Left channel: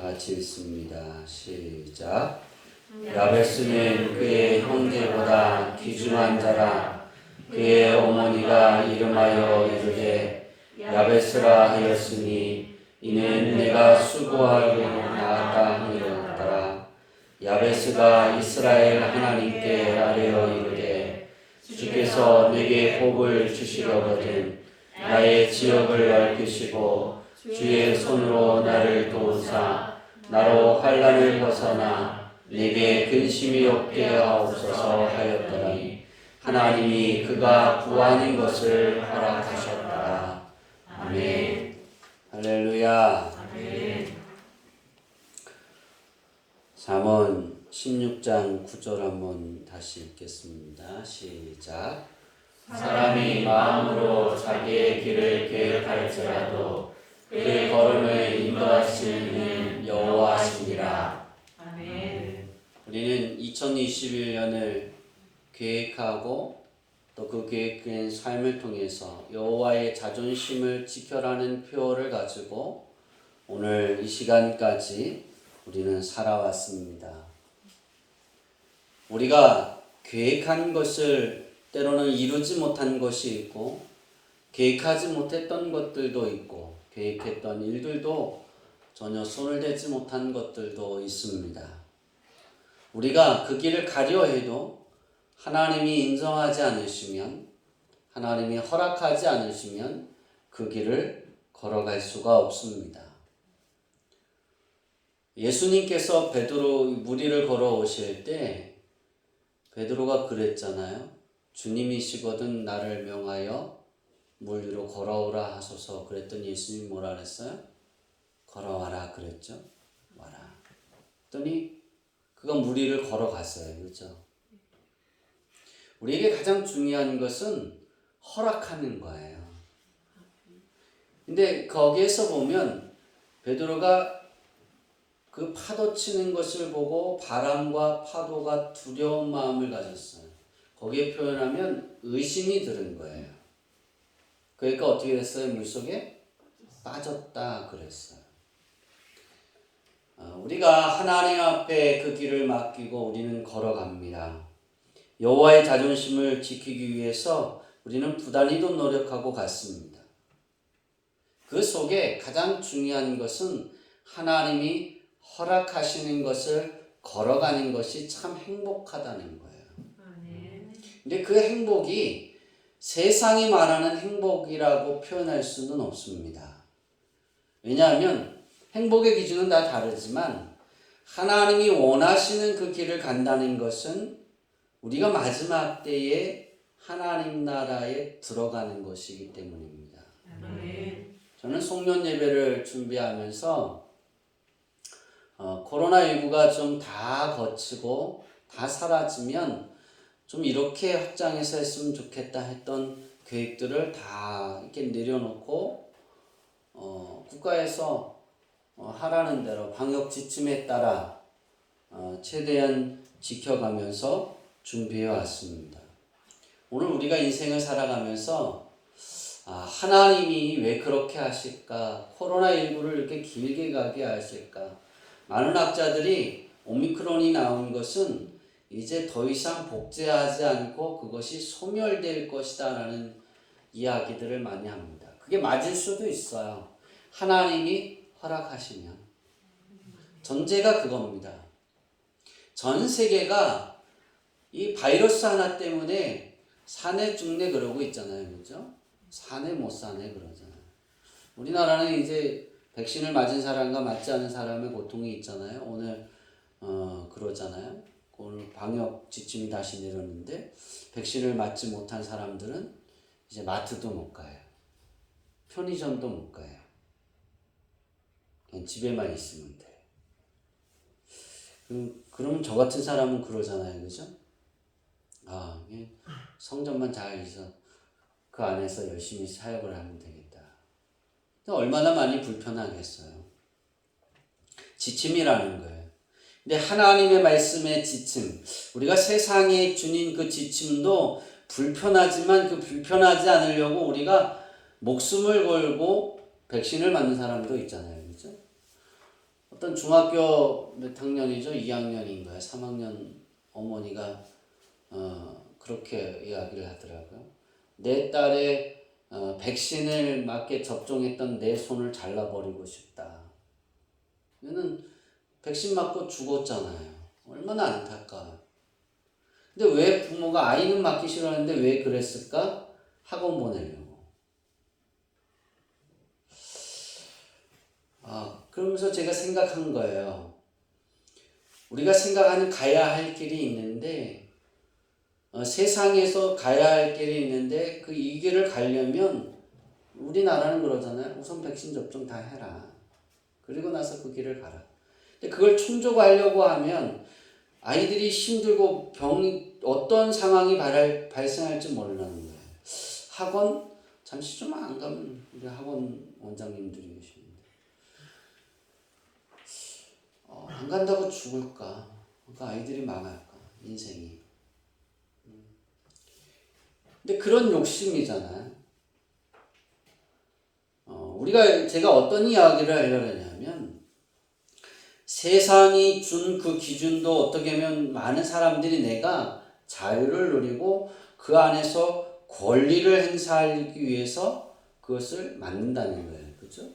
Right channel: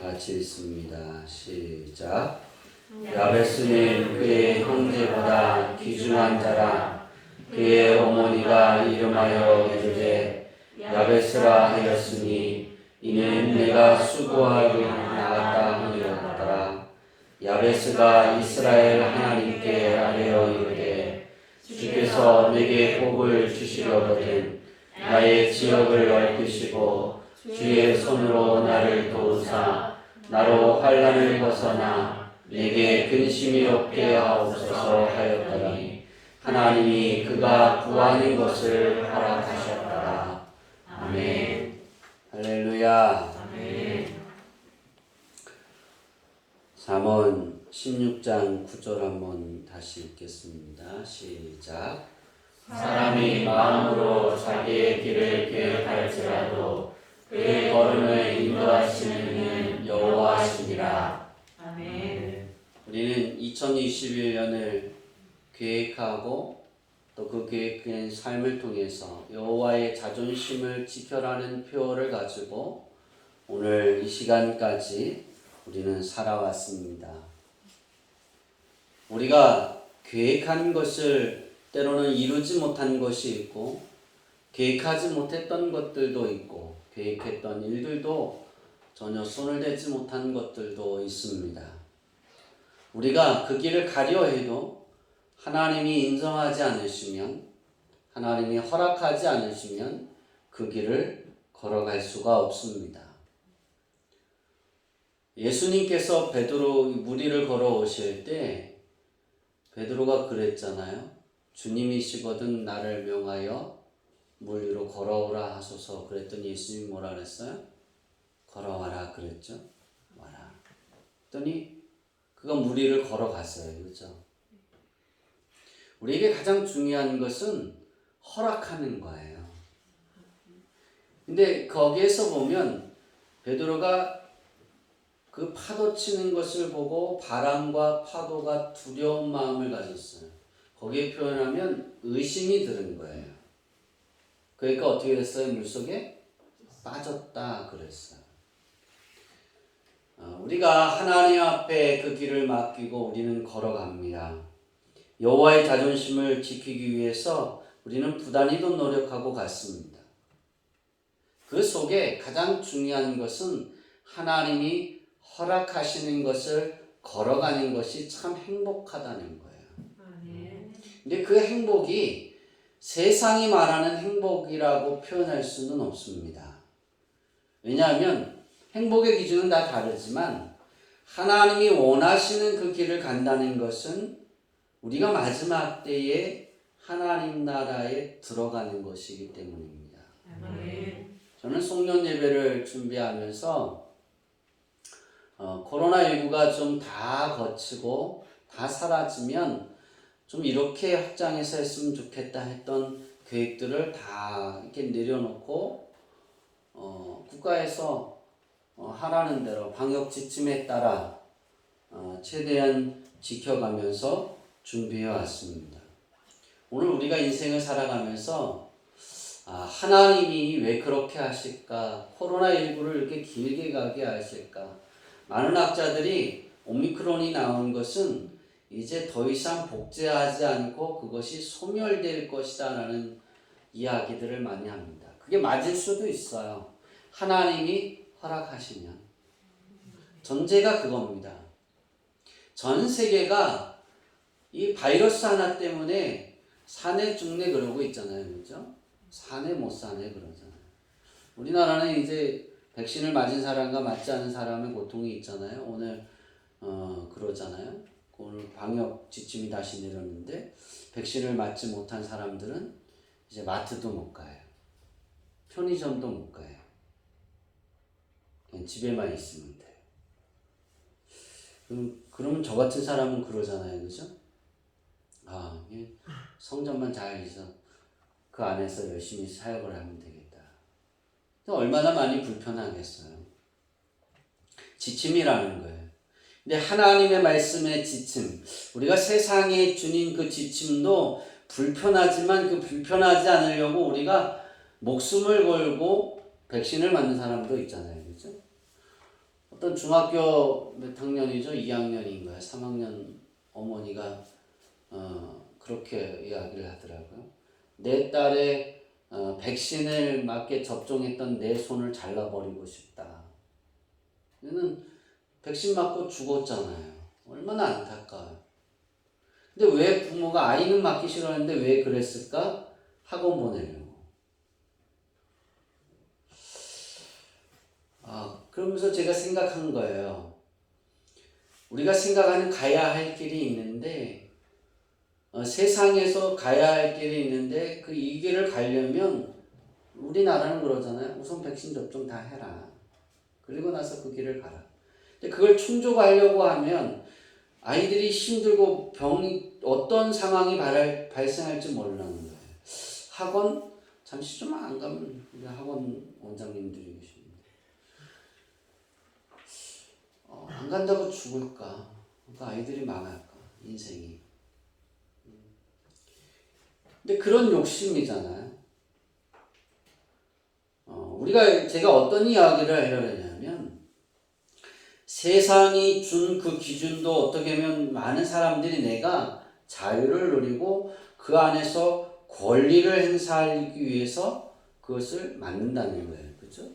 다 같이 읽습니다. 시작. 야베스는 그의 형제보다 귀중한 자라. 그의 어머니가 이름하여 이르되 야베스라 하였으니 이는 내가 수고하여 낳았다 하였더라. 야베스가 이스라엘 하나님께 아뢰어 이르되 주께서 내게 복을 주시려거든 나의 지역을 넓히시고 주의 손으로 나를 도우사 나로 환난을 벗어나 내게 근심이 없게 하옵소서 하였더니 하나님이 그가 부하는 것을 허락하셨더라. 아멘. 할렐루야. 아멘. 잠언 16장 9절 한번 다시 읽겠습니다. 시작. 사람이 마음으로 자기의 길을 계획할지라도 그의 걸음을 인도하시는 이는 여호와시니라. 아멘. 우리는 2021년을 계획하고 또 그 계획된 삶을 통해서 여호와의 자존심을 지켜라는 표어를 가지고 오늘 이 시간까지 우리는 살아왔습니다. 우리가 계획한 것을 때로는 이루지 못한 것이 있고 계획하지 못했던 것들도 있고 계획했던 일들도 전혀 손을 대지 못한 것들도 있습니다. 우리가 그 길을 가려 해도 하나님이 인정하지 않으시면 하나님이 허락하지 않으시면 그 길을 걸어갈 수가 없습니다. 예수님께서 베드로 무리를 걸어오실 때 베드로가 그랬잖아요. 주님이시거든 나를 명하여 물 위로 걸어오라 하소서. 그랬더니 예수님이 뭐라 그랬어요? 걸어와라 그랬죠. 와라. 그랬더니 그가 물 위를 걸어갔어요. 그렇죠? 우리에게 가장 중요한 것은 허락하는 거예요. 근데 거기에서 보면 베드로가 그 파도 치는 것을 보고 바람과 파도가 두려운 마음을 가졌어요. 거기에 표현하면 의심이 들은 거예요. 그러니까 어떻게 됐어요? 물속에 빠졌다 그랬어요. 우리가 하나님 앞에 그 길을 맡기고 우리는 걸어갑니다. 여호와의 자존심을 지키기 위해서 우리는 부단히도 노력하고 갔습니다. 그 속에 가장 중요한 것은 하나님이 허락하시는 것을 걸어가는 것이 참 행복하다는 거예요. 근데 그 행복이 세상이 말하는 행복이라고 표현할 수는 없습니다. 왜냐하면 행복의 기준은 다 다르지만 하나님이 원하시는 그 길을 간다는 것은 우리가 마지막 때에 하나님 나라에 들어가는 것이기 때문입니다. 저는 송년 예배를 준비하면서 코로나19가 좀 다 거치고 다 사라지면 좀 이렇게 확장해서 했으면 좋겠다 했던 계획들을 다 이렇게 내려놓고 국가에서 하라는 대로 방역 지침에 따라 최대한 지켜가면서 준비해 왔습니다. 오늘 우리가 인생을 살아가면서 하나님이 왜 그렇게 하실까? 코로나19를 이렇게 길게 가게 하실까? 많은 학자들이 오미크론이 나온 것은 이제 더 이상 복제하지 않고 그것이 소멸될 것이다 라는 이야기들을 많이 합니다. 그게 맞을 수도 있어요. 하나님이 허락하시면. 전제가 그겁니다. 전 세계가 이 바이러스 하나 때문에 사내 죽네 그러고 있잖아요. 그렇죠? 사내 못 사네 그러잖아요. 우리나라는 이제 백신을 맞은 사람과 맞지 않은 사람의 고통이 있잖아요. 오늘 그러잖아요. 오늘 방역 지침이 다시 내렸는데 백신을 맞지 못한 사람들은 이제 마트도 못 가요. 편의점도 못 가요. 그냥 집에만 있으면 돼요. 그럼 저 같은 사람은 그러잖아요. 그죠? 성전만 잘 해서 그 안에서 열심히 사역을 하면 되겠다. 얼마나 많이 불편하겠어요. 지침이라는 거예요. 근데 하나님의 말씀의 지침, 우리가 세상에 주nin 그 지침도 불편하지만 그 불편하지 않으려고 우리가 목숨을 걸고 백신을 맞는 사람도 있잖아요. 그렇죠? 어떤 중학교 몇 학년이죠? 2학년인가요? 3학년 어머니가 그렇게 이야기를 하더라고요. 내 딸의 백신을 맞게 접종했던 내 손을 잘라버리고 싶다. 얘는 백신 맞고 죽었잖아요. 얼마나 안타까워요. 근데 왜 부모가 아이는 맞기 싫어하는데 왜 그랬을까? 학원 보내려고. 그러면서 제가 생각한 거예요. 우리가 생각하는 가야 할 길이 있는데 세상에서 가야 할 길이 있는데 이 길을 가려면 우리나라는 그러잖아요. 우선 백신 접종 다 해라. 그리고 나서 그 길을 가라. 근데 그걸 충족하려고 하면 아이들이 힘들고 어떤 상황이 발생할지 모르는 거예요. 학원 잠시 좀 안 가면 우리 학원 원장님들이 계십니다. 안 간다고 죽을까? 그러니까 아이들이 망할까? 인생이. 근데 그런 욕심이잖아요. 제가 어떤 이야기를 하려고 하냐면 세상이 준 그 기준도 어떻게 보면 많은 사람들이 내가 자유를 누리고 그 안에서 권리를 행사하기 위해서 그것을 만든다는 거예요. 그죠?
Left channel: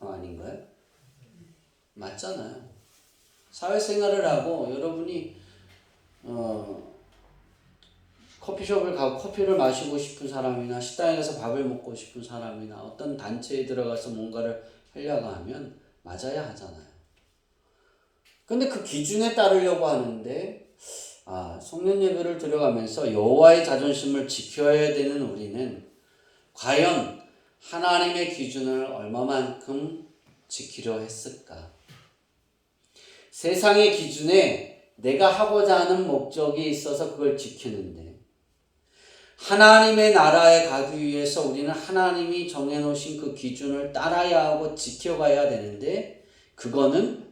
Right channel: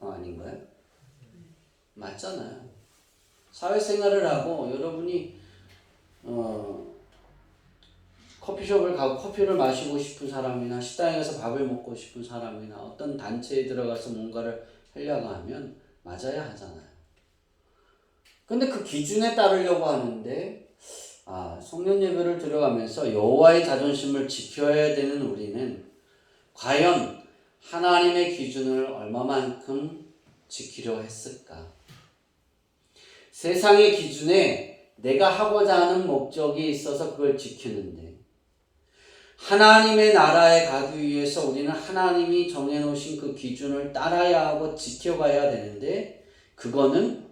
아닌가요? 맞잖아요. 사회생활을 하고 여러분이 커피숍을 가고 커피를 마시고 싶은 사람이나 식당에 가서 밥을 먹고 싶은 사람이나 어떤 단체에 들어가서 뭔가를 하려고 하면 맞아야 하잖아요. 근데 그 기준에 따르려고 하는데 성년 예배를 들어가면서 여호와의 자존심을 지켜야 되는 우리는 과연 하나님의 기준을 얼마만큼 지키려 했을까? 세상의 기준에 내가 하고자 하는 목적이 있어서 그걸 지키는데 하나님의 나라에 가기 위해서 우리는 하나님이 정해놓으신 그 기준을 따라야 하고 지켜가야 되는데 그거는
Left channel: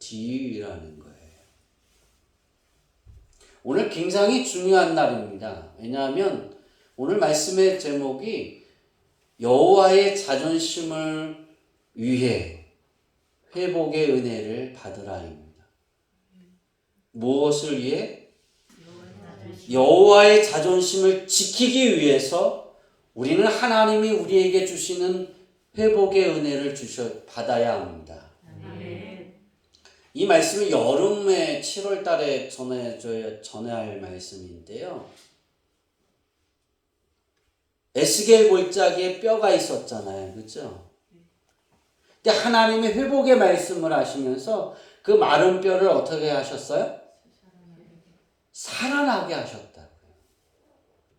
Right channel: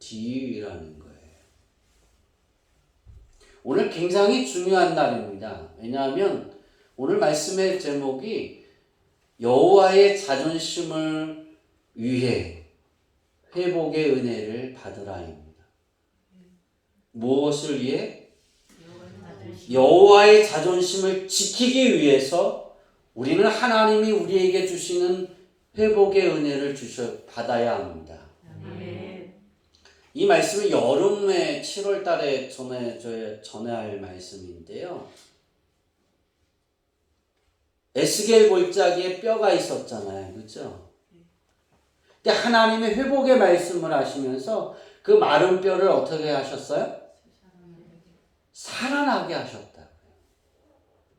지위라는 거예요. 오늘 굉장히 중요한 날입니다. 왜냐하면 오늘 말씀의 제목이 여호와의 자존심을 위해 회복의 은혜를 받으라입니다. 무엇을 위해? 여호와의 자존심을 지키기 위해서 우리는 하나님이 우리에게 주시는 회복의 은혜를 받아야 합니다. 이 말씀은 여름에 7월 달에 전해할 말씀인데요. 에스겔 골짜기에 뼈가 있었잖아요. 그렇죠? 근데 하나님의 회복의 말씀을 하시면서 그 마른 뼈를 어떻게 하셨어요? 살아나게 하셨다.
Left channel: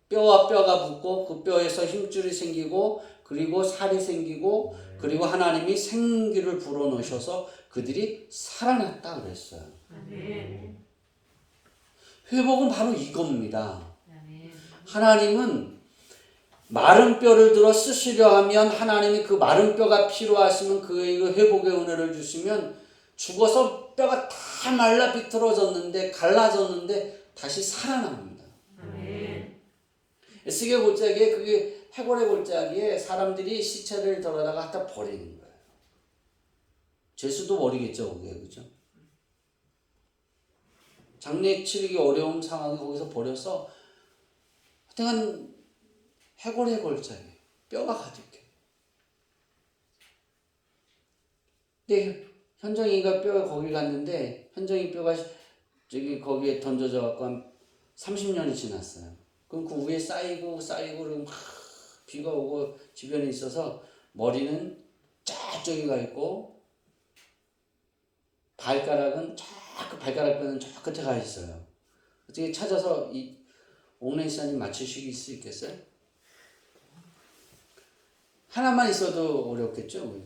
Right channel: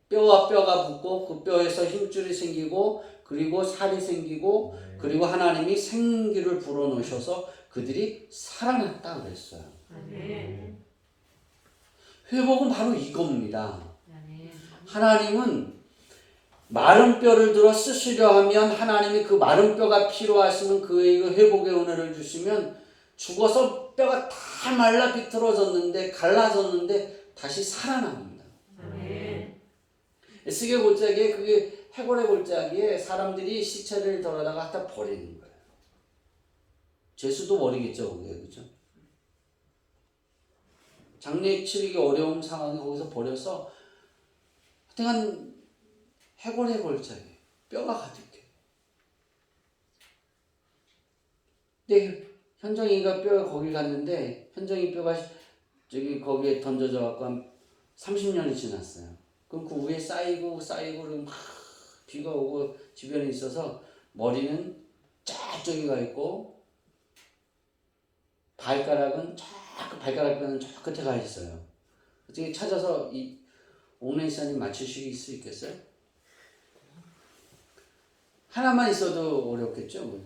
뼈와 뼈가 붙고 그 뼈에서 힘줄이 생기고 그리고 살이 생기고 그리고 하나님이 생기를 불어넣으셔서 그들이 살아났다 그랬어요. 회복은 바로 이겁니다. 하나님은 마른 뼈를 들어 쓰시려 하면 하나님이 그 마른 뼈가 필요하시면 그 회복의 은혜를 주시면 죽어서 뼈가 다 말라 비틀어졌는데 갈라졌는데 다시 살아납니다. 에스겔 골짜기에 그게 해골의 골짜기에 사람들이 시체를 덜어다가 갖다 버리는 거예요. 죄수도 버리겠죠, 그게 그죠? 장례 치르기 어려운 상황에 거기서 버려서 하여튼 해골의 골짜기 뼈가 가득해. 근데 현정이가 뼈가 거기 갔는데 현정이 뼈가 거기에 던져져 갖고 한 30년이 지났어요. 그럼 그 위에 쌓이고 그럼 막 비가 오고 주변에 있어서 머리는 저기 가 있고 발가락은 발가락뼈는 저 끝에 가 있어요. 어떻게 찾아서 이 옥내시사님 맞추실 수 있겠어요? 하나만 있어도 어렵겠죠.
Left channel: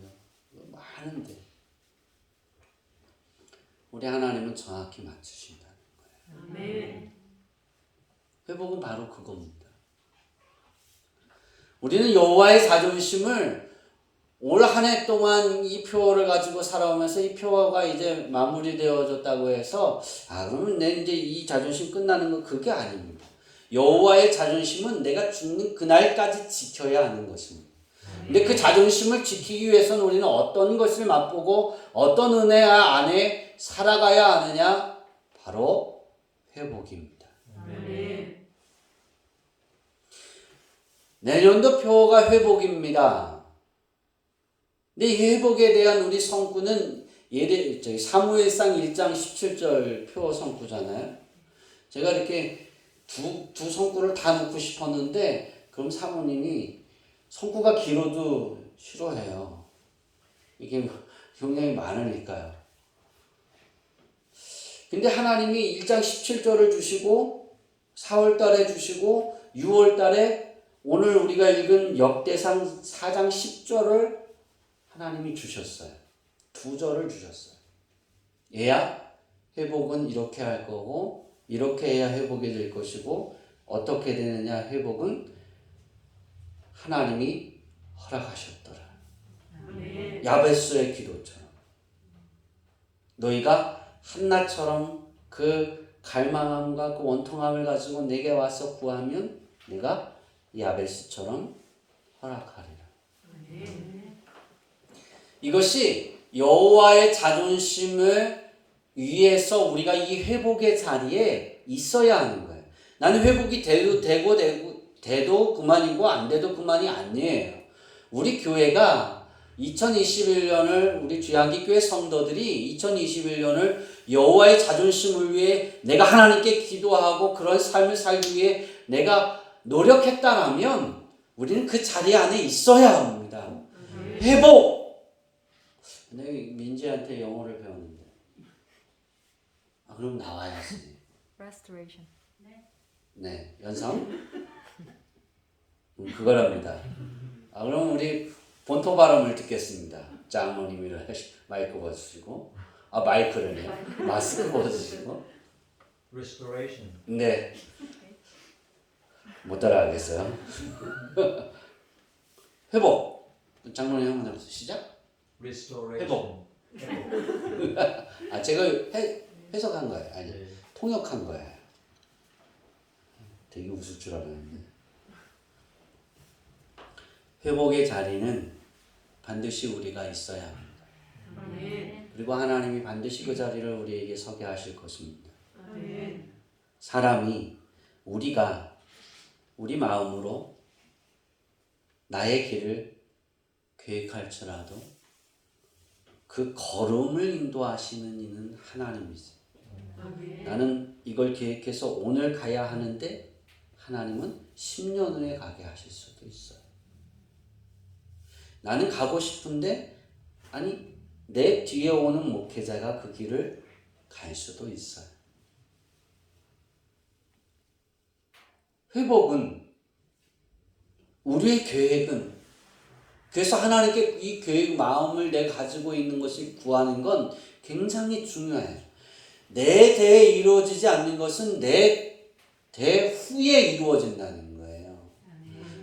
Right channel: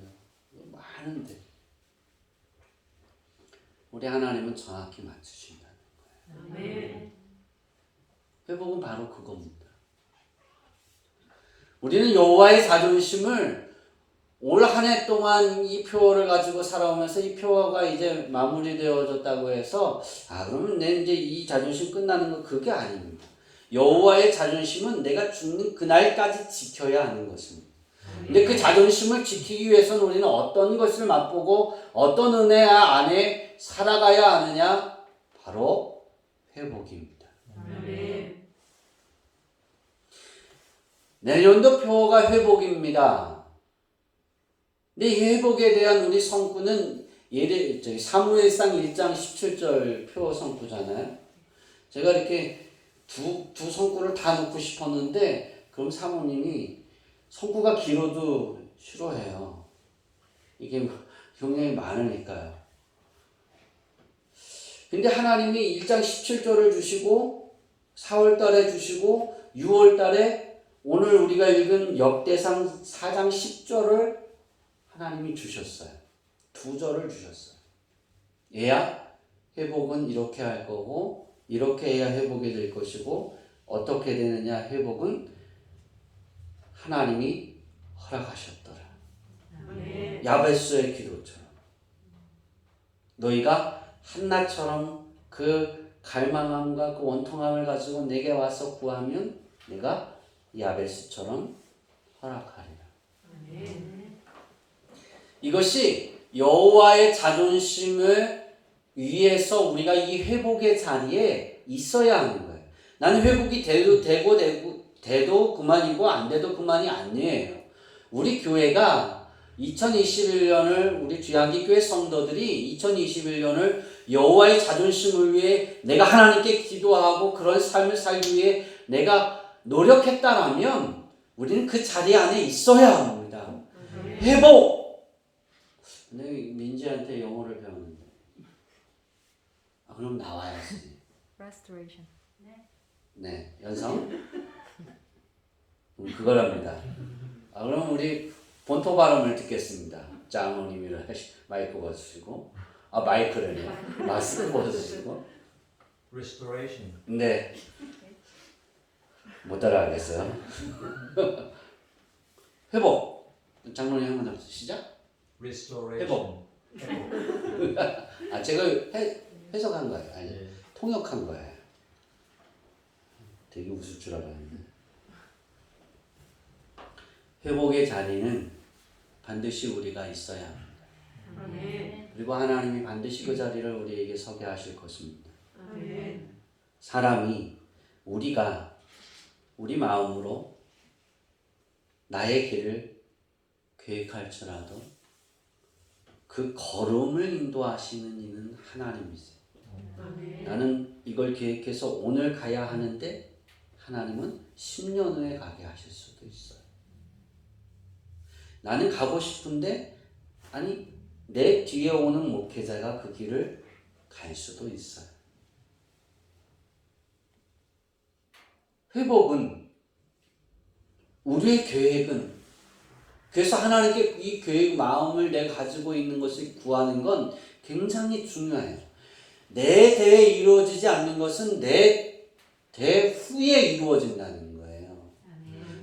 많은데 우리 하나님은 정확히 맞추신다는 거예요. 아멘. 회복은 바로 그겁니다. 우리는 여호와의 자존심을 올 한 해 동안 이 표를 가지고 살아오면서 이 표가 이제 마무리되어졌다고 해서 그러면 내 이제 이 자존심 끝나는 거 그게 아닙니다. 여호와의 자존심은 내가 죽는 그날까지 지켜야 하는 것입니다. 근데 그 자존심을 지키기 위해서는 우리는 어떤 것을 맛보고 어떤 은혜 안에 살아가야 하느냐? 바로 회복입니다. 아멘. 내년도 표어가 회복입니다. 근데 이 회복에 대한 우리 성구는 사무엘상 1장 17절 표 성구잖아요. 제가 이렇게 두 성구를 다 넣고 싶었는데 그럼 사모님이 성구가 길어도 싫어해요. 이게 굉장히 많으니까요. 근데 하나님이 1장 17절을 주시고 4월 달에 주시고 6월 달에 오늘 우리가 읽은 역대상 4장 10절을 하나님이 주셨어요. 두 절을 주셨어요. 얘야 회복은 이렇게 할 거고 이렇게 해야 회복이 될 것이고 어떻게 되느냐 회복은 하나님이 허락하셨더라. 아멘. 야베스의 기도처럼 너희가 한나처럼 그 갈망함과 그 원통함을 가지고 내게 와서 구하면 내가 야베스처럼 허락하리라. 아멘. 이것이 여호와의 자존심을 위해서 우리가 이 회복의 자리에 있어야 하는 거예요. 나는 회복이 돼도 그만이고 안 돼도 그만이 아니에요. 우리 교회가 2021년을 우리 귀하기 교회 성도들이 2021년을 여호와의 자존심을 위해 내가 하나님께 기도하고 그런 삶을 살기 위해 내가 노력했다라면 우리는 그 자리 안에 있어야 합니다. 회복! 내가 민지한테 영어를 배웠는데 그럼 나와야지. Restoration. 네, 연상? 그거랍니다. 그럼 우리 본토 발음을 듣겠습니다. 장모님이 마이크 벗으시고 마이크를 마스크 벗으시고 Restoration. 네. 못 따라하겠어요. 회복. 장모님 한번 해보세요. 시작. Restoration. 회복. 제가 해석한 거예요. 아니, 네. 통역한 거예요. 되게 웃을 줄 알았는데. 회복의 자리는 반드시 우리가 있어야 합니다. 아멘. 그리고 하나님이 반드시 그 자리를 우리에게 서게 하실 것입니다. 아멘. 사람이 우리가 우리 마음으로 나의 길을 계획할지라도 그 걸음을 인도하시는 이는 하나님이세요. 아멘. 나는 이걸 계획해서 오늘 가야 하는데 하나님은 10년 후에 가게 하실 수도 있어요. 나는 가고 싶은데 아니 내 뒤에 오는 목회자가 그 길을 갈 수도 있어요. 회복은 우리의 계획은 그래서 하나님께 이 계획 마음을 내가 가지고 있는 것을 구하는 건 굉장히 중요해요. 내 대에 이루어지지 않는 것은 내 대 후에 이루어진다는 거예요.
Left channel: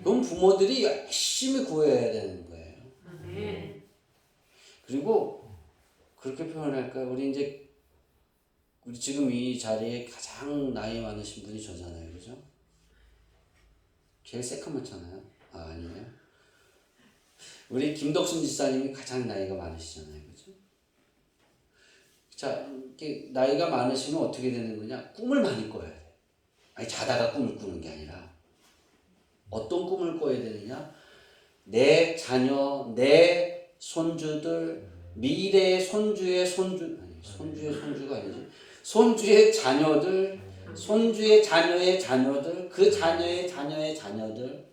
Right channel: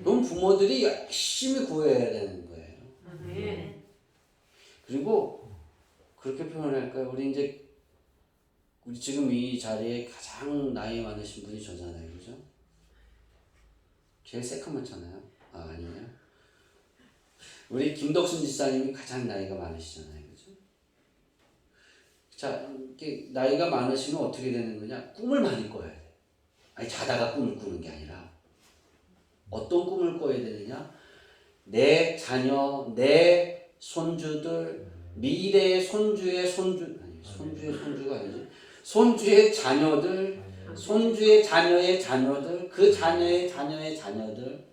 그럼 부모들이 열심히 구해야 되는 거예요. 아멘. 그리고 그렇게 표현할까요? 우리 지금 이 자리에 가장 나이 많으신 분이 저잖아요, 그죠? 제일 새까맣잖아요. 아니에요? 우리 김덕순 지사님이 가장 나이가 많으시잖아요, 그죠? 자, 이렇게 나이가 많으시면 어떻게 되는 거냐? 꿈을 많이 꿔야 돼. 아니 자다가 꿈을 꾸는 게 아니라 어떤 꿈을 꿔야 되느냐? 내 자녀, 내 손주들, 미래의 손주의 손주가 아니지. 손주의 자녀들, 손주의 자녀의 자녀들, 그 자녀의 자녀의 자녀들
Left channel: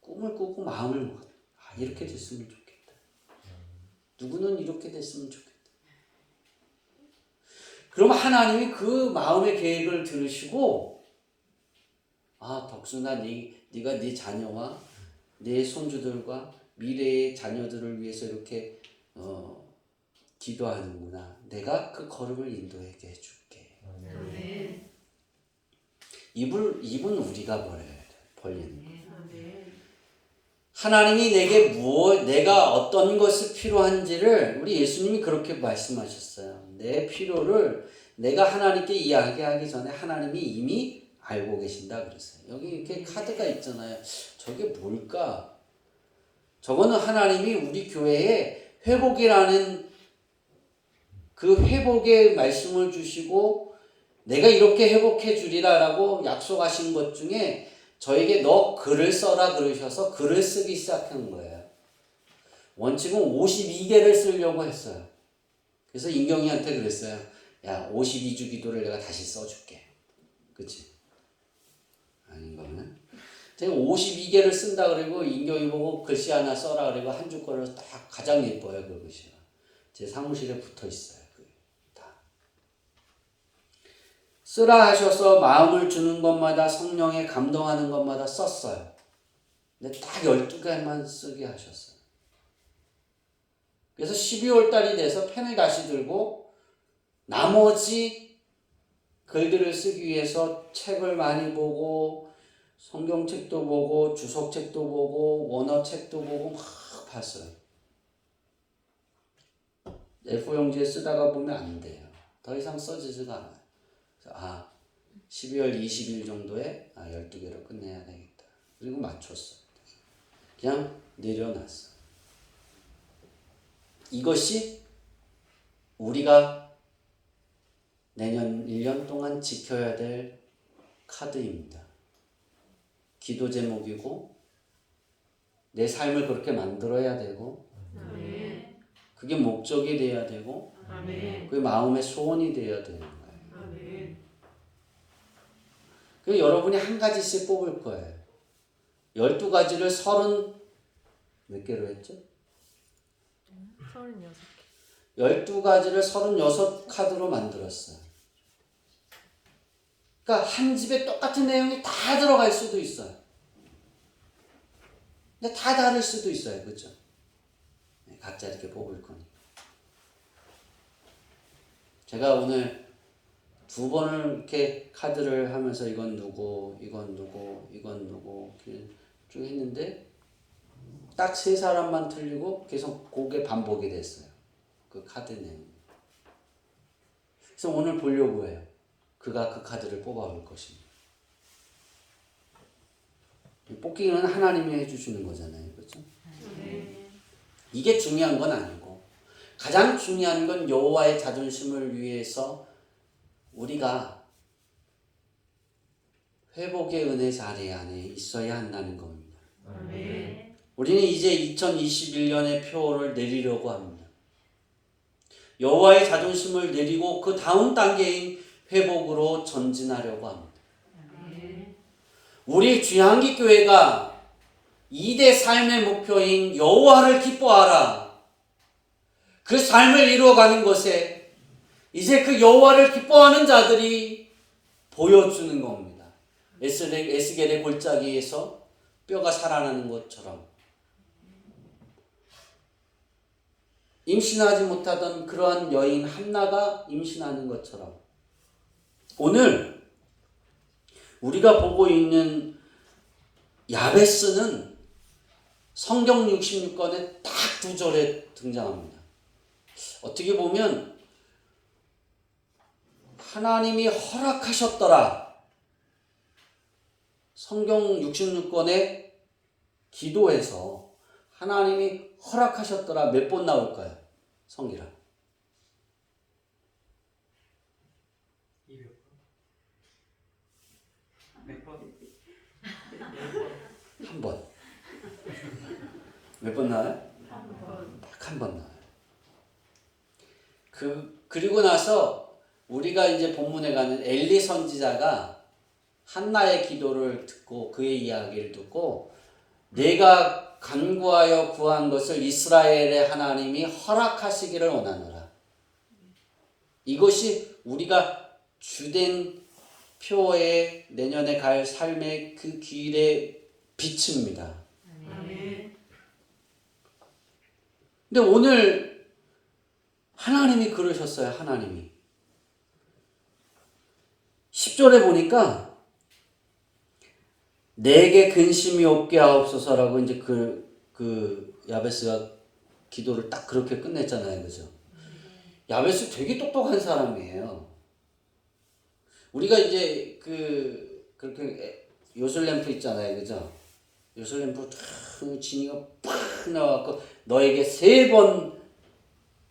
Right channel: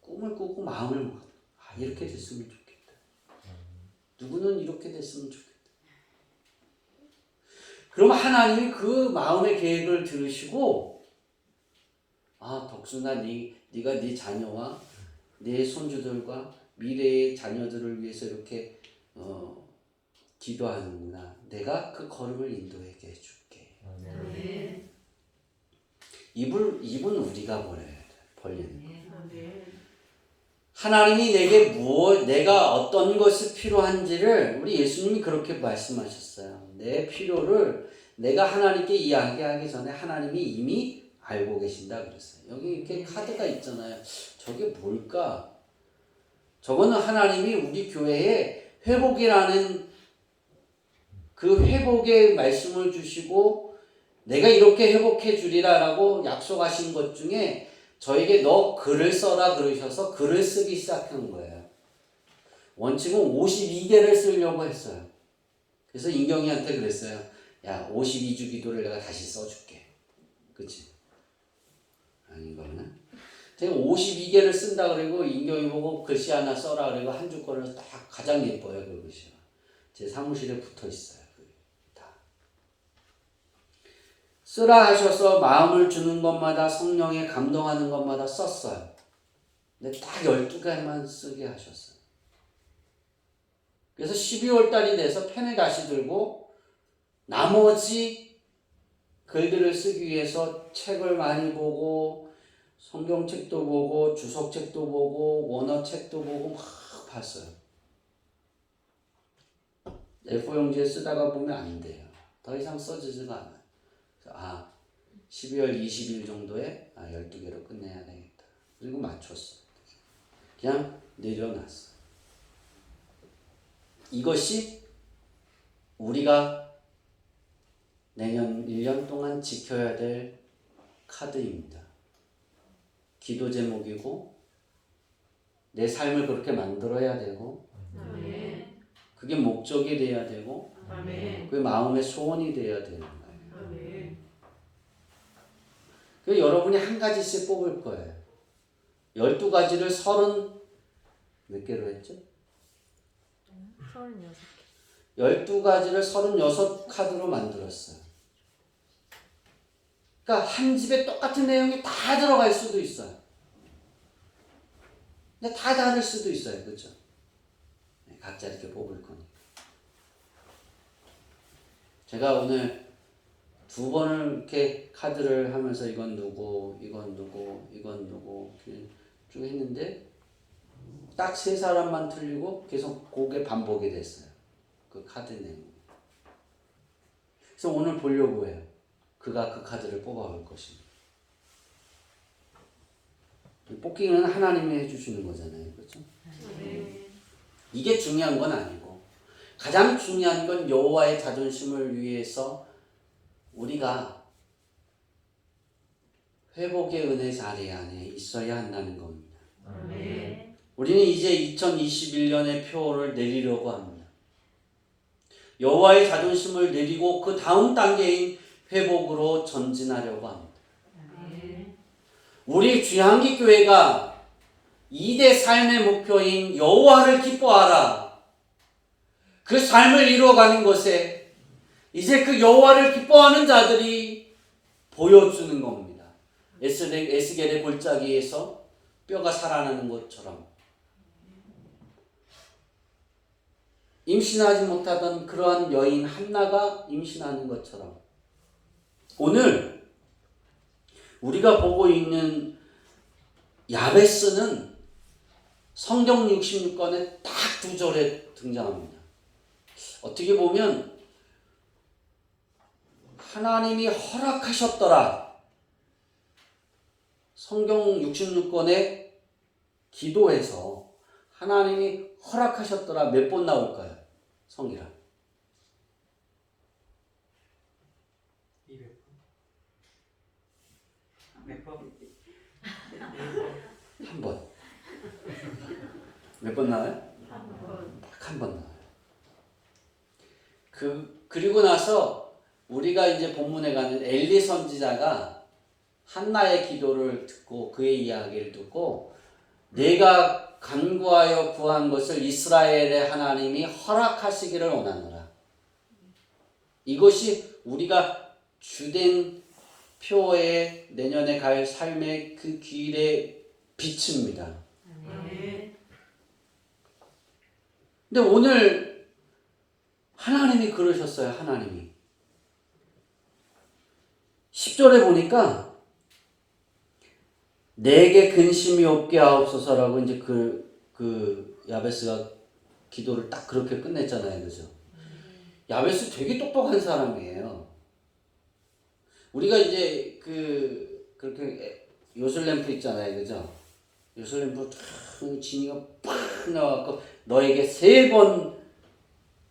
꿈을 꾸고 마음을 먹어. 이렇게 됐으면 좋겠다. 누구는 이렇게 됐으면 좋겠다. 그럼 하나님이 그 마음의 계획을 들으시고 덕순아 네가 네 자녀와 내 손주들과 미래의 자녀들을 위해서 이렇게 기도하는구나. 내가 그 걸음을 인도하게 해줄게. 아멘. 입은 우리가 벌리는 거. 아멘. 하나님이 내가 어떤 것이 필요한지를 우리 예수님이 그렇게 말씀하셨어요. 내 필요를 내가 하나님께 이야기하기 전에 하나님이 이미 알고 계신다 그랬어요. 여기 이렇게 카드가 있잖아요. 저게 뭘까? 저거는 하나님이 우리 교회에 회복이라는 그 회복의 말씀을 주시고 내가 이렇게 회복해 주리라라고 약속하신 것 중에 저에게 너 글을 써라 그러셔서 글을 쓰기 시작한 거예요. 원칙은 52개를 쓰려고 했어요. 그래서 인경이한테 그랬어요. 야, 52주 기도를 내가 다시 써줄게. 그치? 아닌 거는? 제가 52개를 쓴다 그러고 인경이 보고 글씨 하나 써라 그러고 한 줄 거를 딱 가장 예뻐요. 그 글씨가. 제 사무실에 붙어 있어요. 다. 쓰라 하셔서 마음을 주는 것마다 성령에 감동하는 것마다 썼어요. 근데 딱 12개만 쓰게 하셨어요. 그래서 12월 달이 돼서 펜을 다시 들고 나머지 글들을 쓰기 위해서 책을 많이 보고 성경책도 보고 주석책도 보고 원어책도 보고 막 봤어요. A4용지에 쓰다가 보면 안 돼요. 더 이상 써지지가 않아요. 그래서 12월 20일 정도에 12개로 끝내야 되겠다. 그리고 맞췄어요. 그냥 내려놨어요. 이것이 우리가 내년 1년 동안 지켜야 될 카드입니다. 기도 제목이고 내 삶을 그렇게 만들어야 되고 아멘. 그게 목적이 돼야 되고 아멘. 그게 마음의 소원이 돼야 되는 거예요. 아멘. 그 여러분이 한 가지씩 뽑을 거예요. 12가지를 30 몇 개로 했죠? 36개. 12가지를 36카드로 만들었어요. 그러니까 한 집에 똑같은 내용이 다 들어갈 수도 있어요. 근데 다 다를 수도 있어요. 그렇죠? 각자 이렇게 뽑을 겁니다. 제가 오늘 2번을 이렇게 카드를 하면서 이건 누구, 이건 누구, 이건 누구 이렇게 쭉 했는데 딱 3사람만 틀리고 계속 그게 반복이 됐어요. 그 카드 내용. 그래서 오늘 보려고 해요. 그가 그 카드를 뽑아올 것입니다. 뽑기는 하나님이 해주시는 거잖아요. 그렇죠? 네. 이게 중요한 건 아니고 가장 중요한 건 여호와의 자존심을 위해서 우리가 회복의 은혜 자리 안에 있어야 한다는 겁니다. 아멘. 우리는 이제 2021년의 표를 내리려고 합니다. 여호와의 자존심을 내리고 그 다음 단계인 회복으로 전진하려고 합니다. 아멘. 우리 귀향기 교회가 2대 삶의 목표인 여호와를 기뻐하라. 그 삶을 이루어가는 것에 이제 그 여호와를 기뻐하는 자들이 보여주는 겁니다. 에스겔의 골짜기에서 뼈가 살아나는 것처럼 임신하지 못하던 그러한 여인 한나가 임신하는 것처럼 오늘 우리가 보고 있는 야베스는 성경 66권에 딱 2절에 등장합니다. 어떻게 보면 하나님이 허락하셨더라. 성경 66권에 기도해서 하나님이 허락하셨더라 몇 번 나올까요? 성기라. 200번. 몇 번? 한 번. 몇 번 나와요? 한 번. 딱 한 번 나와요. 그리고 나서 우리가 이제 본문에 가는 엘리 선지자가 한나의 기도를 듣고 그의 이야기를 듣고 내가 간구하여 구한 것을 이스라엘의 하나님이 허락하시기를 원하노라. 이것이 우리가 주된 표에 내년에 갈 삶의 그 길의 빛입니다. 아멘. 근데 오늘 하나님이 그러셨어요. 하나님이 10절에 보니까 내게 근심이 없게 하옵소서라고 이제 그 야베스가 기도를 딱 그렇게 끝냈잖아요. 그죠? 야베스 되게 똑똑한 사람이에요. 우리가 이제 그렇게 요술램프 있잖아요. 그죠? 예루살렘으로 탁 진이가 팍 나와갖고 너에게 3번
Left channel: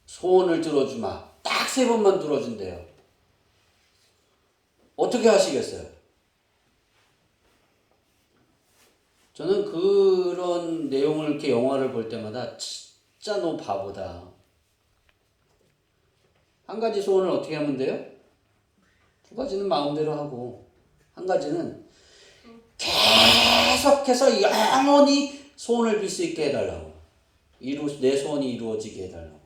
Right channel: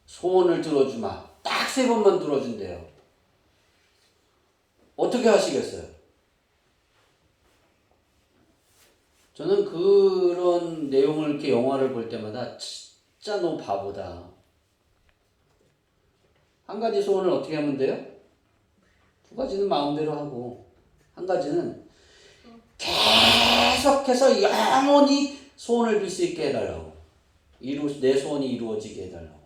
소원을 들어주마. 딱 3번만 들어준대요. 어떻게 하시겠어요? 저는 그런 내용을 이렇게 영화를 볼 때마다 진짜 너무 바보다. 한 가지 소원을 어떻게 하면 돼요? 2가지는 마음대로 하고, 한 가지는 계속해서 영원히 소원을 빌 수 있게 해달라고. 내 소원이 이루어지게 해달라고.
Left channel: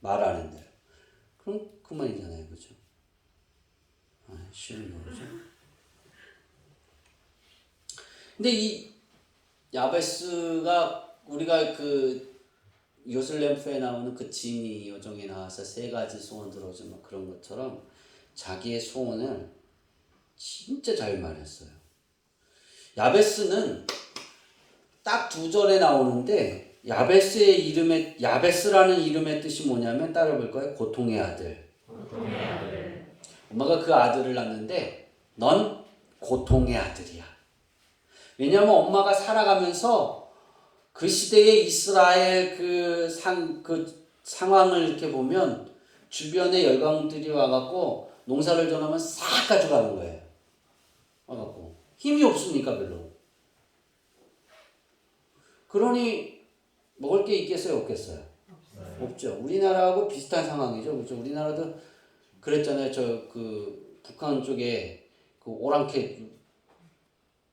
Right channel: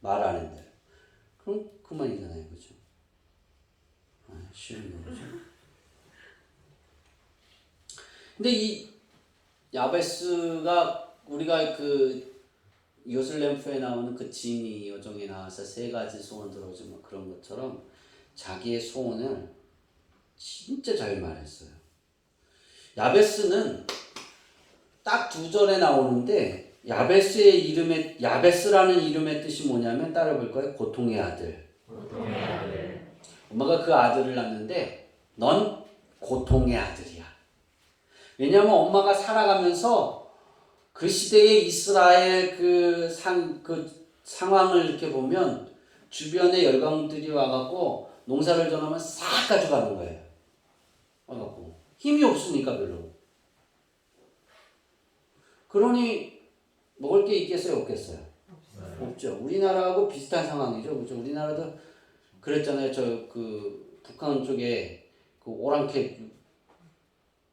말하는 대로. 그럼 그만이잖아요. 그죠? 쉬운 거죠. 근데 이 야베스가 우리가 그 요슬렘프에 나오는 그 진이 여종에 나와서 3가지 소원 들어주면 그런 것처럼 자기의 소원을 진짜 잘 말했어요. 야베스는 딱 2절에 나오는데 야베스라는 이름의 뜻이 뭐냐면 따라 볼 거예요. 고통의 아들. 고통의 아들. 엄마가 그 아들을 낳는데 넌 고통의 아들이야. 왜냐하면 엄마가 살아가면서 그 시대의 이스라엘 그 상황을 이렇게 보면 주변에 열강들이 와갖고 농사를 전하면 싹 가져가는 거예요. 와갖고 힘이 없으니까 별로. 그러니 먹을 게 있겠어요, 없겠어요? 없죠. 우리나라하고 비슷한 상황이죠. 그렇죠? 우리나라도 그랬잖아요. 그 북한 쪽에 그 오랑캐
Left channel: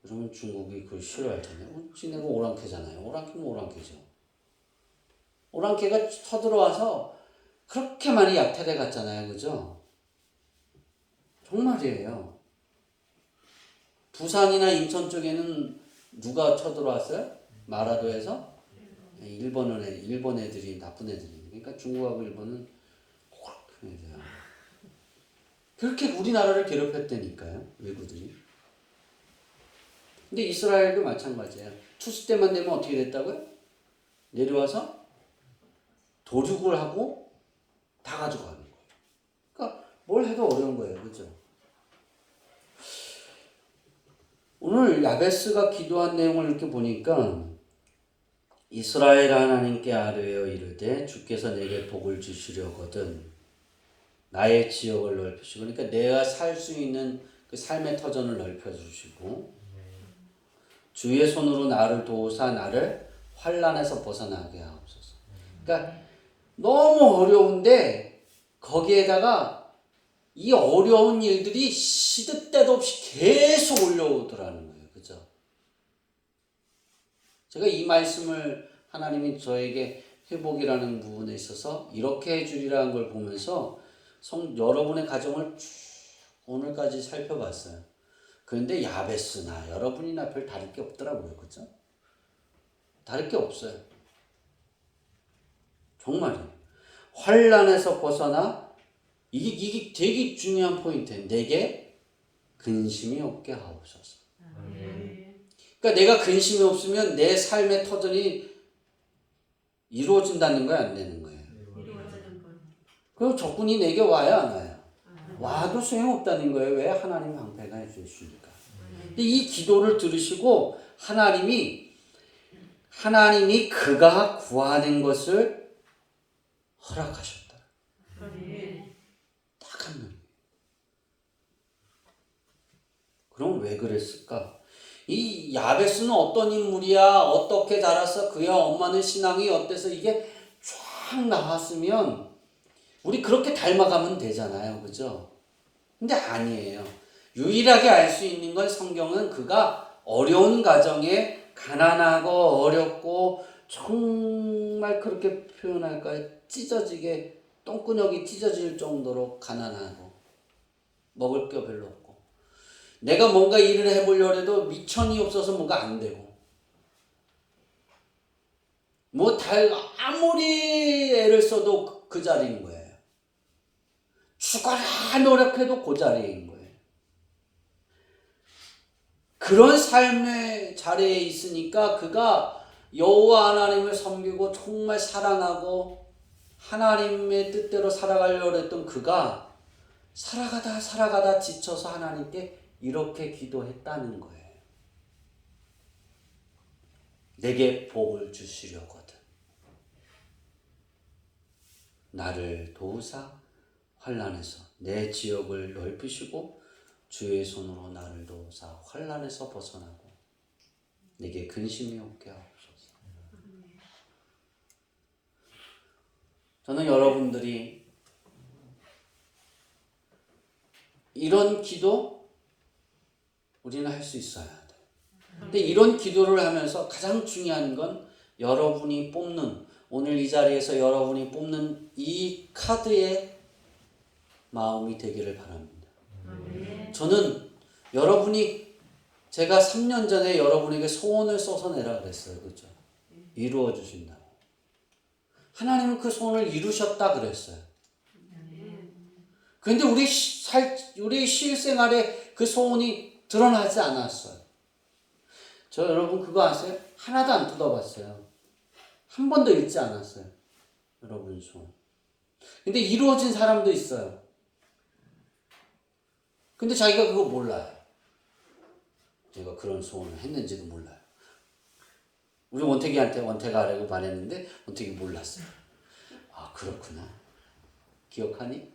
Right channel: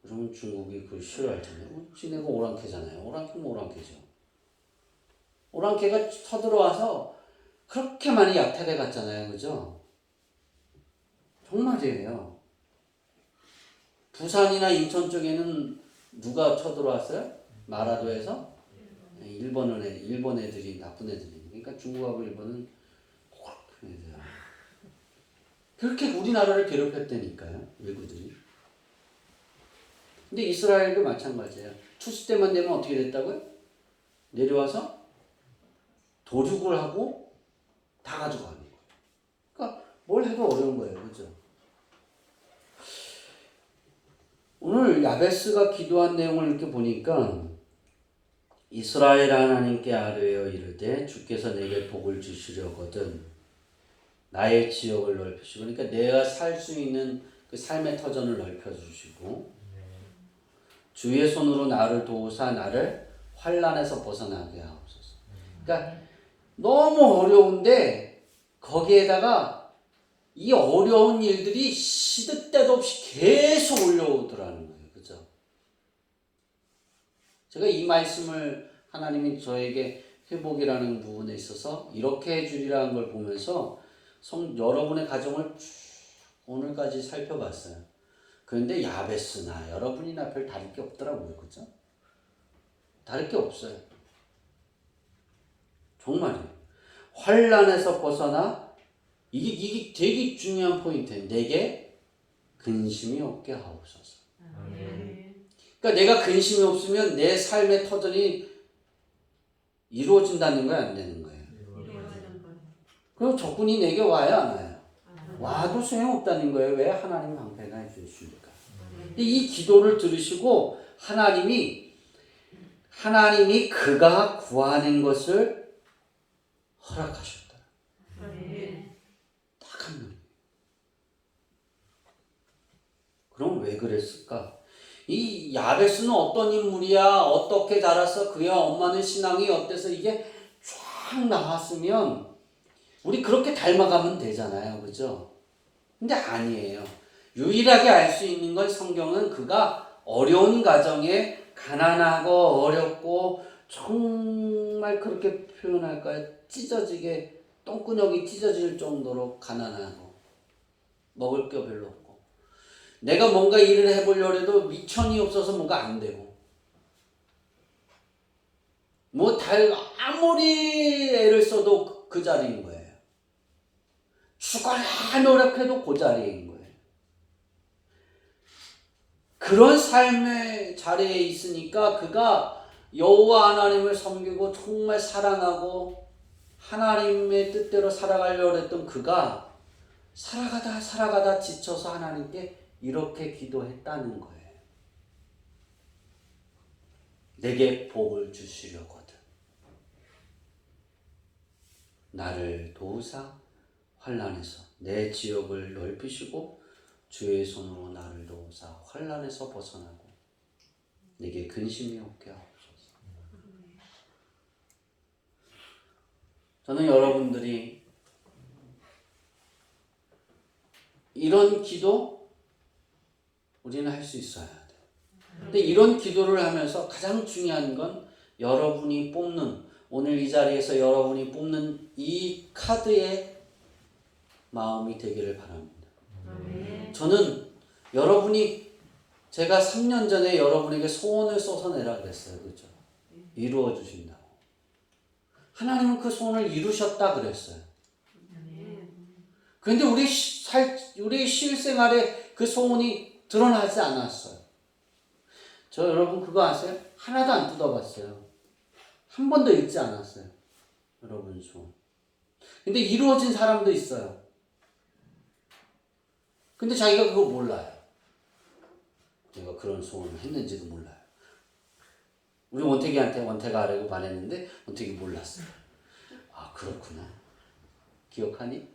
그러면 중국이 그걸 싫어하잖아요. 지네가 오랑캐잖아요. 오랑캐는 오랑캐죠. 오랑캐가 쳐들어와서 그렇게 많이 약탈해 갔잖아요. 그죠? 정말이에요. 부산이나 인천 쪽에는 누가 쳐들어왔어요? 마라도에서? 일본 애들이 나쁜 애들이. 그러니까 중국하고 일본은 그렇게 애들이야. 그렇게 우리나라를 괴롭혔다니까요. 외구들이. 근데 이스라엘도 마찬가지예요. 추수 때만 되면 어떻게 됐다고요? 내려와서 도륙을 하고 다 가져가는 거예요. 그러니까 뭘 해도 어려운 거예요. 그죠? 오늘 야베스가 기도한 내용을 이렇게 보니까 이스라엘 하나님께 아뢰어 이르되 주께서 내게 복을 주시려거든 나의 지역을 넓히시고, 그러니까 내가 살 수 있는 그 삶의 터전을 넓혀주시고 주의 손으로 나를 도우사 나를 환난에서 벗어나게 하옵소서. 그러니까 너무 어려운데 거기에다가 이 어려운 일들이 시도 때도 없이 계속 올려오더라는 거예요. 그죠? 제가 이 말씀을 하나님이 저에게 회복이라는 부분에 있어서 이렇게 해주리라는 걸 보면서 여러분의 가정을 쭉 오늘까지 살펴봤어요. 그런데 야베스나 여러분이나 별 다를 게 없더라고요. 그죠? 다를 게 없어요. 정말이에요. 환난에서 벗어나 이게 되게 중요한 포인트예요. 내게 근심이 없게 하옵소서. 그러니까 내가 근심이 없으면 내 삶의 터전이 이루어진다는 거야, 안 되는 거예요? 이루어지는 것. 그리고 적군이 내게 와요, 안 와요? 와도 소용없다는 거예요. 왜? 하나님 방패가 해주시니까. 근데 이 기도를 들으시고 하나님이 그가 구하는 것을 허락하셨다. 딱 한 명. 그럼 왜 그랬을까? 이 야베스는 어떤 인물이야? 어떻게 자랐어? 그야 엄마는 신앙이 어때서? 이게 쫙 나왔으면 우리 그렇게 닮아가면 되잖아요. 그죠? 근데 아니에요. 유일하게 알 수 있는 건 성경은 그가 어려운 가정에 가난하고 어렵고 정말 그렇게 표현할까요? 찢어지게 똥구녕이 찢어질 정도로 가난하고 먹을 게 별로 없고 내가 뭔가 일을 해보려고 해도 미천이 없어서 뭐가 안 되고 아무리 애를 써도 그 자리인 거예요. 죽어라 노력해도 그 자리인 거예요. 그런 삶의 자리에 있으니까 그가 여호와 하나님을 섬기고 정말 사랑하고 하나님의 뜻대로 살아가려고 했던 그가 살아가다 지쳐서 하나님께 이렇게 기도했다는 거예요. 내게 복을 주시려거든. 나를 도우사 환난에서 내 지역을 넓히시고 주의 손으로 나를 도우사 환난에서 벗어나고 내게 근심이 없게 하옵소서. 저는 여러분들이 이런 기도 우리는 할 수 있어야 돼. 근데 이런 기도를 하면서 가장 중요한 건 여러분이 뽑는, 오늘 이 자리에서 여러분이 뽑는 이 카드의 마음이 되기를 바랍니다. 저는 여러분이, 제가 3년 전에 여러분에게 소원을 써서 내라 그랬어요. 그죠? 이루어 주신다고. 하나님은 그 소원을 이루셨다 그랬어요. 그런데 우리 실생활에 그 소원이 드러나지 않았어요. 저 여러분 그거 아세요? 하나도 안 뜯어봤어요. 한 번도 읽지 않았어요. 여러분 소원. 근데 이루어진 사람도 있어요. 근데 자기가 그거 몰라요. 제가 그런 소원을 했는지도 몰라요. 우리 원택이한테 원택하라고 말했는데 원택이 몰랐어요. 아 그렇구나. 기억하니?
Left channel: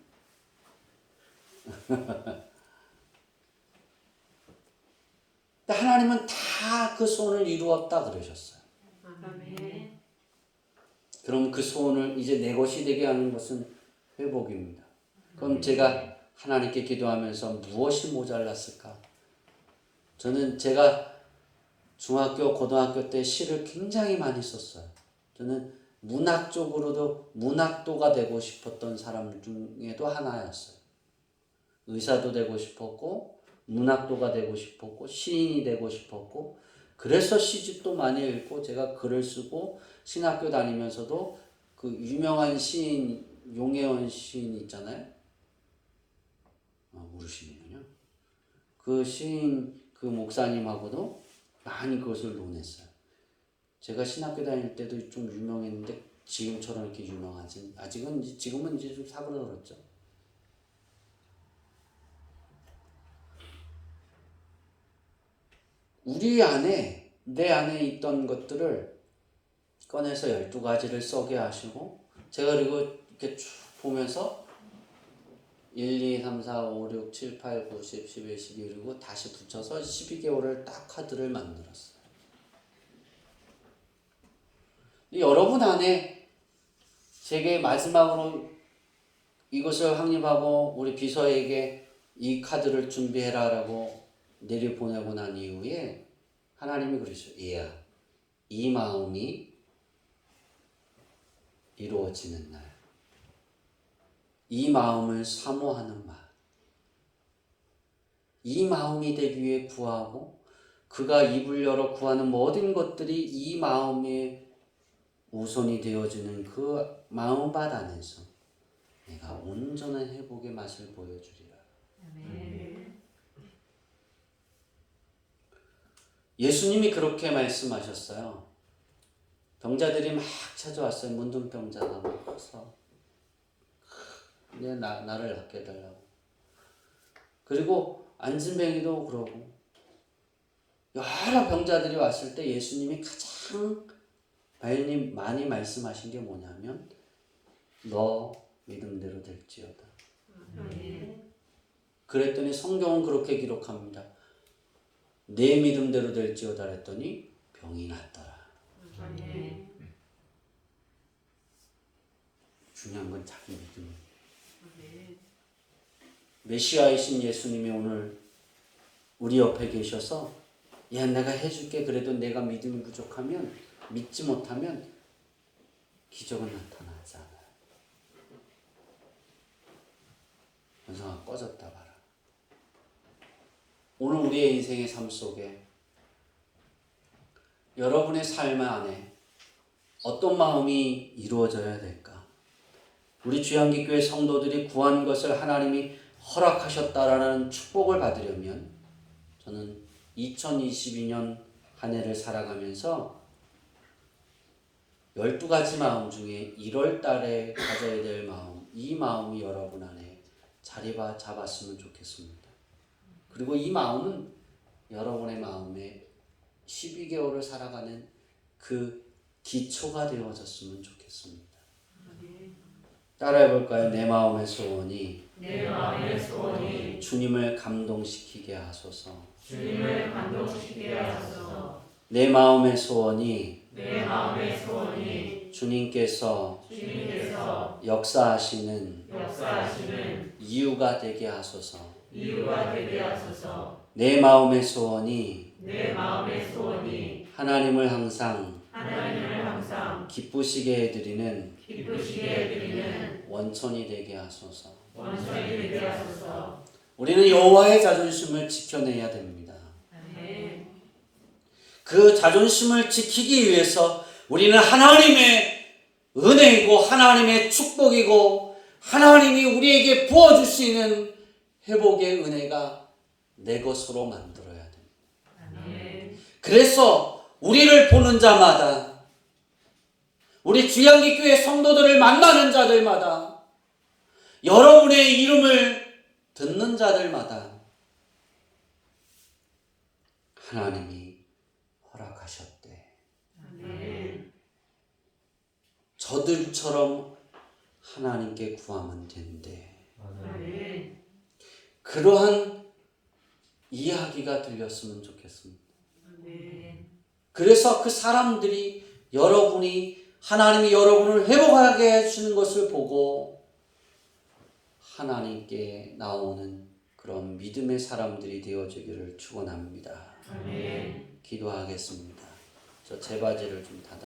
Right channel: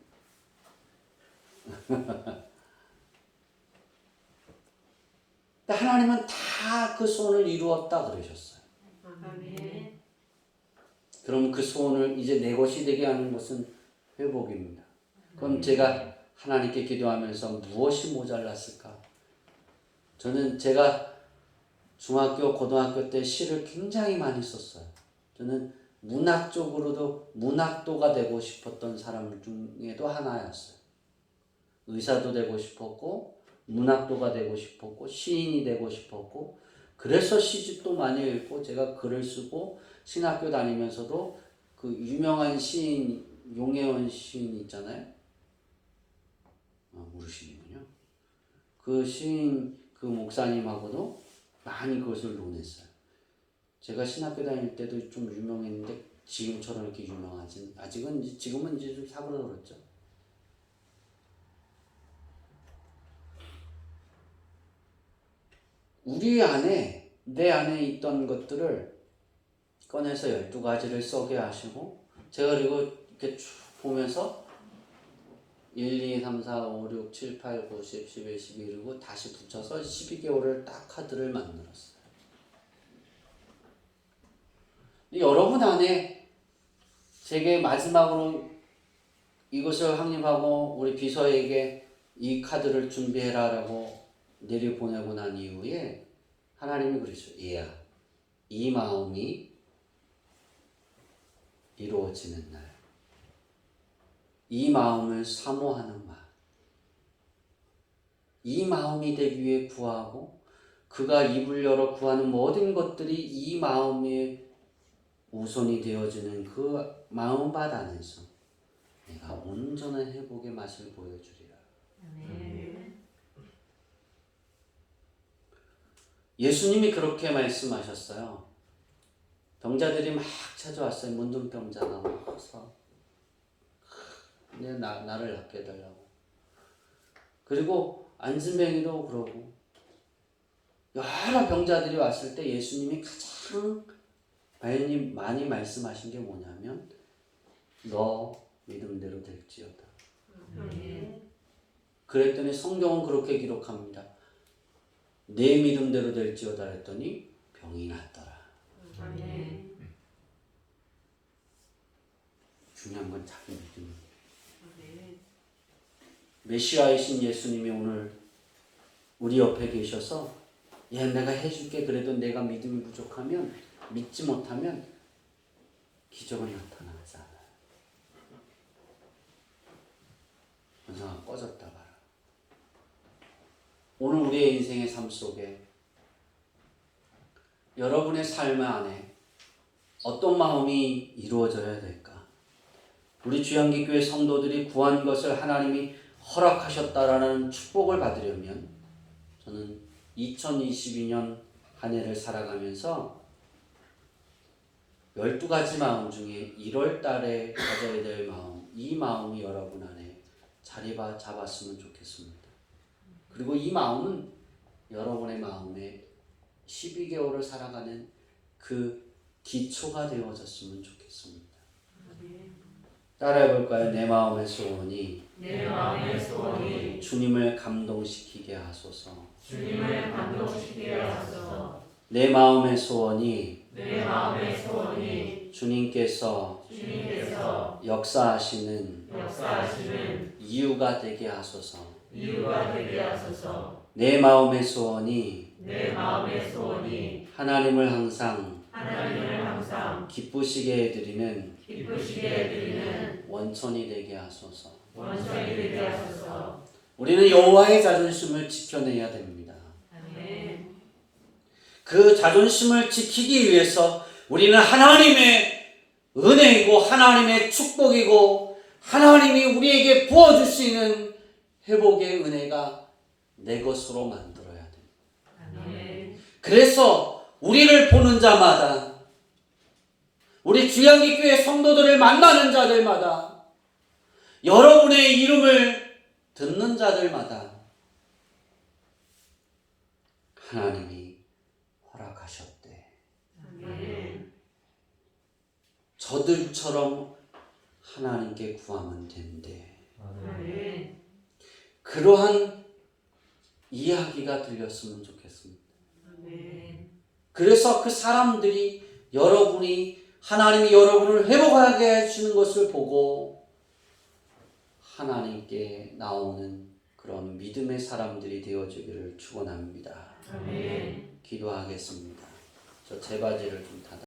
근데 하나님은 다 그 소원을 이루었다 그러셨어요. 아멘. 그럼 그 소원을 이제 내 것이 되게 하는 것은 회복입니다. 그럼 제가 하나님께 기도하면서 무엇이 모자랐을까? 저는 제가 중학교, 고등학교 때 시를 굉장히 많이 썼어요. 저는 문학적으로도 문학도가 되고 싶었던 사람 중에도 하나였어요. 의사도 되고 싶었고 문학도가 되고 싶었고 시인이 되고 싶었고 그래서 시집도 많이 읽고 제가 글을 쓰고 신학교 다니면서도 그 유명한 시인 용혜원 시인 있잖아요. 모르시는군요. 그 시인 그 목사님하고도 많이 그것을 논했어요. 제가 신학교 다닐 때도 좀 유명했는데 지금처럼 이렇게 유명하진 지금은 이제 좀 사그라들었죠. 우리 안에 내 안에 있던 것들을 꺼내서 12가지를 써게 하시고 제가 그리고 이렇게 쭉 보면서 1, 2, 3, 4, 5, 6, 7, 8, 9, 10, 11, 12 그리고 다시 붙여서 12개월을 딱 카드를 만들었어요. 여러분 안에 제게 마지막으로 이것을 확립하고 우리 비서에게 이 카드를 준비해라라고 내려보내고 난 이후에 하나님이 그러셨어요. 얘야, 이 마음이 이루어지는 날, 이 마음을 사모하는 말, 이 마음이 되기 위해 구하고 그가 입을 열어 구하는 모든 것들이 이 마음의 우선이 되어지는 그 마음밭 안에서 내가 온전한 회복의 맛을 보여주리라. 예수님이 그렇게 말씀하셨어요. 병자들이 막 찾아왔어요. 문둥병자가 막 커서 나를 낫게 해달라고. 그리고 안진뱅이도 그러고 여러 병자들이 왔을 때 예수님이 가장 많이 말씀하신 게 뭐냐면 너 믿음대로 될지어다. 그랬더니 성경은 그렇게 기록합니다. 내 믿음대로 될지어다 했더니 병이 낫더라. 중요한 건 자기 믿음입니다. 메시아이신 예수님이 오늘 우리 옆에 계셔서 야 내가 해줄게 그래도 내가 믿음이 부족하면 믿지 못하면 기적은 나타나지 않아요. 연상아 꺼졌다 봐라. 오늘 우리의 인생의 삶 속에 여러분의 삶 안에 어떤 마음이 이루어져야 될까? 우리 주양기교회 성도들이 구한 것을 하나님이 허락하셨다라는 축복을 받으려면 저는 2022년 한 해를 살아가면서 12가지 마음 중에 1월 달에 가져야 될 마음, 이 마음이 여러분 안에 자리 잡았으면 좋겠습니다. 그리고 이 마음은 여러분의 마음에 12개월을 살아가는 그 기초가 되어졌으면 좋겠습니다. 아멘. 따라해볼까요? 내 마음의 소원이 내 마음의 소원이 주님을 감동시키게 하소서. 주님을 감동시키게 하소서. 내 마음의 소원이 내 마음의 소원이 주님께서 주님께서 역사하시는 역사하시는 이유가 되게 하소서. 이유가 되게 하소서. 내 마음의 소원이 내 마음의 소원이 하나님을 항상 하나님을 항상 기쁘시게 해드리는 기쁘시게 해드리는 원천이 되게 하소서. 원천이 되게 하소서. 우리는 여호와의 자존심을 지켜내야 됩니다. 아멘. 그 자존심을 지키기 위해서 우리는 하나님의 은혜이고 하나님의 축복이고 하나님이 우리에게 부어줄 수 있는 회복의 은혜가 내 것으로 만들어야 됩니다. 아멘. 그래서 우리를 보는 자마다 우리 주양기 교회 성도들을 만나는 자들마다 여러분의 이름을 듣는 자들마다 하나님이 허락하셨대. 아멘. 저들처럼 하나님께 구하면 된대. 아멘. 그러한 이야기가 들렸으면 좋겠습니다. 아멘. 그래서 그 사람들이 여러분이 하나님이 여러분을 회복하게 해주는 것을 보고 하나님께 나오는 그런 믿음의 사람들이 되어주기를 축원합니다. 아멘. 기도하겠습니다. 저 제 바지를 좀 닫아.